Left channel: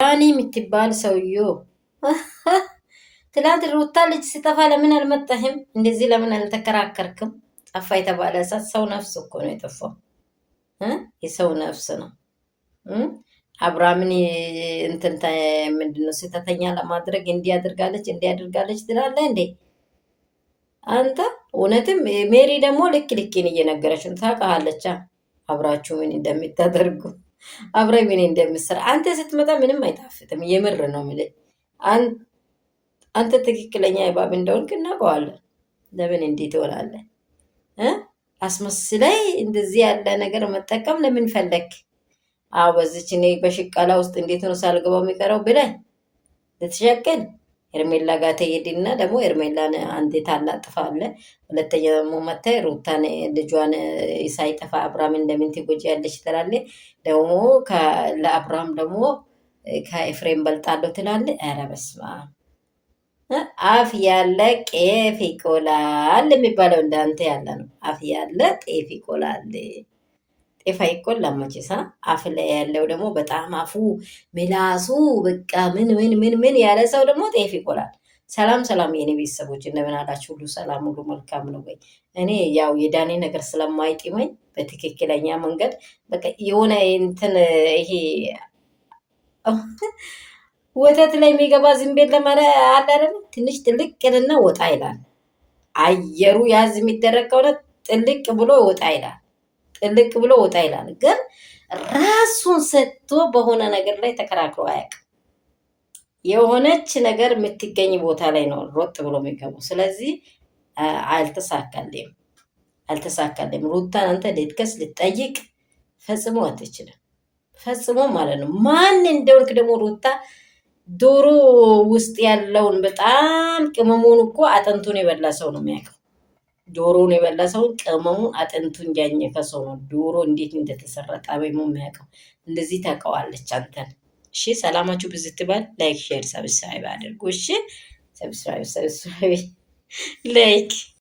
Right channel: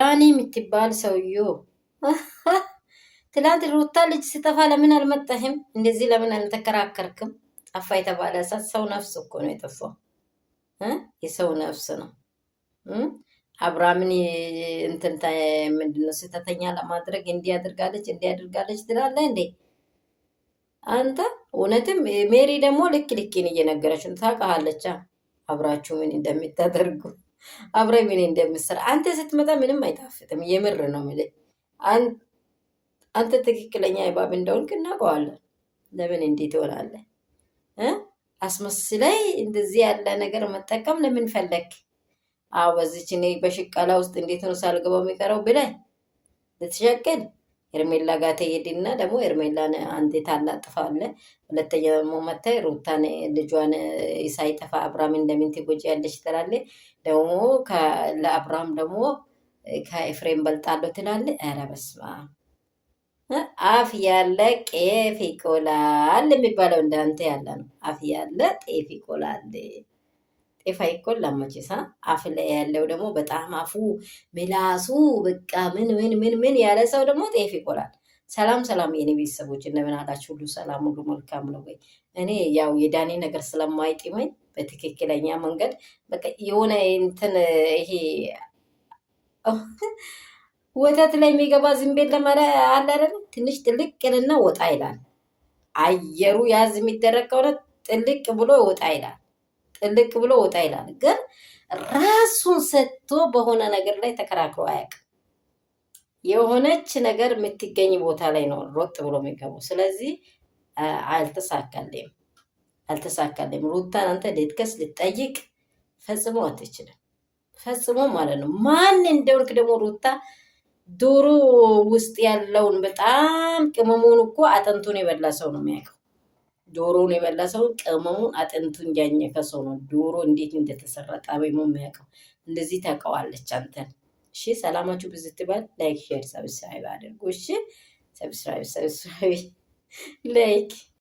ዳኒ የምትባል ሰውዬ ትላንት ሩታ ልጅ ሲጠፋ ለምን አልመጣህም? እንደዚህ ለምን አልተከራከርክም? ጠፋ የተባለ ሰው ነፍስ እኮ ነው የጠፋው። የሰው ነፍስ ነው። አብርሃምን እንትን ምንድነው ስህተተኛ ለማድረግ እንዲያደርጋለች ትላለህ እንዴ አንተ? እውነትም ሜሪ ደግሞ ልክን እየነገረች ነው። ታውቃለች አብራችሁ ምን እንደምታደርጉ አብረ ምን እንደምትሰራ። አንተ ስትመጣ ምንም አይጣፍጥም። የምር ነው የምልህ። አንተ ትክክለኛ እባብ እንደሆንክ እናውቀዋለን። ለምን እንዴት ትሆናለህ? አስመስላይ እንደዚህ ያለ ነገር መጠቀም ለምን ፈለግ? በዚች እኔ በሽቃላ ውስጥ እንዴት ነው ሳልገባው የሚቀረው ብለህ ልትሸቅል ኤርሜላ ጋር ትሄድና ደግሞ ኤርሜላን አንዴ ታላጥፋለህ። ሁለተኛ ደግሞ መታይ ሩታን ልጇን ሳይጠፋ አብርሃም እንደምን ትጎጂያለሽ ትላለህ። ደግሞ ለአብርሃም ደግሞ ከኤፍሬም በልጣለሁ ትላለህ። ኧረ በስመ አብ። አፍ ያለ ቄፍ ይቆላል የሚባለው እንዳንተ ያለ ነው። አፍ ያለ ጤፍ ይቆላል። ጤፍ አይቆላም መቼሳ። አፍ ላይ ያለው ደግሞ በጣም አፉ ምላሱ በቃ ምን ያለ ሰው ደግሞ ጤፍ ይቆላል። ሰላም የኔ ቤተሰቦች እንደምን አላችሁ? ሁሉ ሰላም፣ ሁሉ መልካም ነው ወይ? እኔ ያው የዳኒ ነገር ስለማይጥመኝ በትክክለኛ መንገድ በቃ የሆነ እንትን ይሄ ወተት ላይ የሚገባ ዝንቤል ለማለ አለ አይደል? ትንሽ ጥልቅ ይልና ወጣ ይላል። አየሩ ያዝ የሚደረግ ከሆነ ጥልቅ ብሎ ወጣ ይላል። ጥልቅ ብሎ ወጣ ይላል። ግን ራሱን ሰጥቶ በሆነ ነገር ላይ ተከራክሮ አያውቅም። የሆነች ነገር የምትገኝ ቦታ ላይ ነው ሮጥ ብሎ የሚገባው። ስለዚህ አልተሳካልም። ሩታን አንተ ልትከስ ልትጠይቅ ፈጽሞ አትችልም። ፈጽሞ ማለት ነው። ማን እንደወልክ ደግሞ ሩታ ዶሮ ውስጥ ያለውን በጣም ቅመሙን እኮ አጥንቱን የበላ ሰው ነው የሚያውቀው። ዶሮውን የበላ ሰውን ቅመሙን አጥንቱን ያኘከ ሰው ነው ዶሮ እንዴት እንደተሰራ ጣዕሙ የሚያውቀው። እንደዚህ ታውቀዋለች አንተን። እሺ ሰላማችሁ ብዙ ትባል። ላይክ ሼር ሰብስክራይብ አድርጉ። እሺ ሰብስክራይብ ላይክ